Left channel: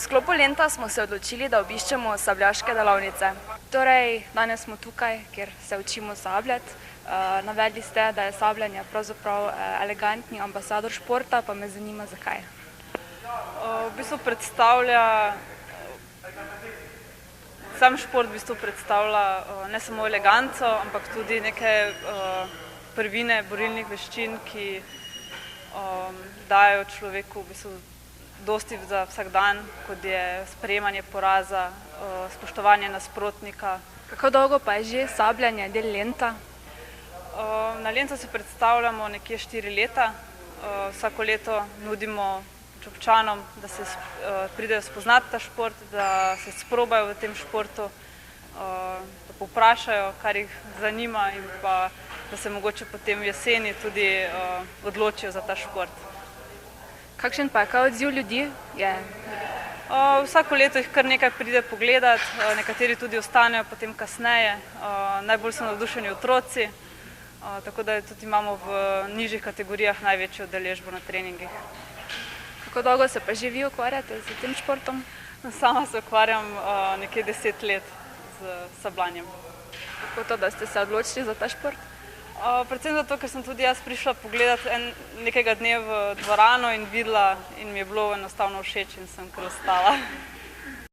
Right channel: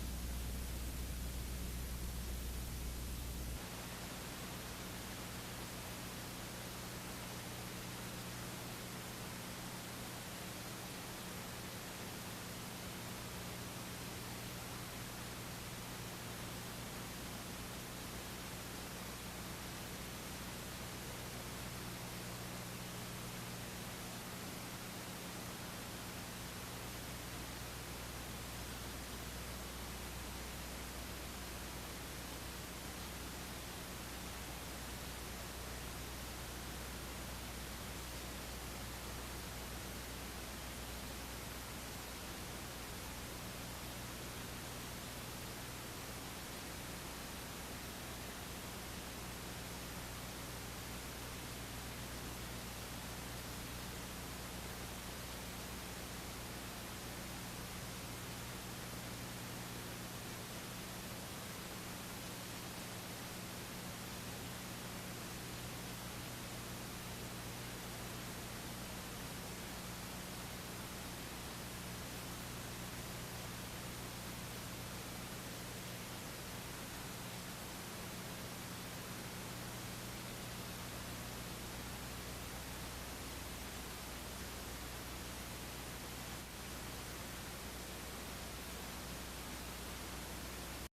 sklopu Lenta smo se odločili, da obiščemo sabljaške delavnice. Torej, danes smo tukaj, kjer se učimo sabljati. Navedli ste, da je sabljanje pravzaprav elegantni ambasador športa, pa me zanima, zakaj. V bistvu predstavlja, sam šport v bistvu predstavlja ne samo eleganco, ampak tudi neke prvine borilnih veščin, ki dajo človeku v bistvu dosti za vsak dan, kot je sprejemanje poraza, spoštovanje nasprotnika. Kako dolgo pa je že sabljanje del Lenta? Na Lentu se predstavljamo nekje 4 leta. Vsako leto nudimo občanom, da se pridejo spoznati ta šport, da se sprobajo v tem športu, da povprašajo, kar jih zanima in pa da se mogoče potem v jeseni tudi odločijo za ta šport. Kakšen pa je kaj odziv ljudi? Vsako leto jih kar nekaj pride pogledat, nekateri tudi ostanejo potem kasneje. Najbolj so navdušeni otroci, tako da tudi imamo v nižjih kategorijah največjo udeležbo na treningih. Kako dolgo se pa že vi ukvarjate s tem športom? Sama se ukvarjam nekje 10 let z sabljanjem. Kako to, da ste se odločili za ta šport? Predvsem zato, ker sem tudi jaz prišla pogledat nekega dne v dvorano in videla in mi je bilo enostavno všeč in sem kar ostala.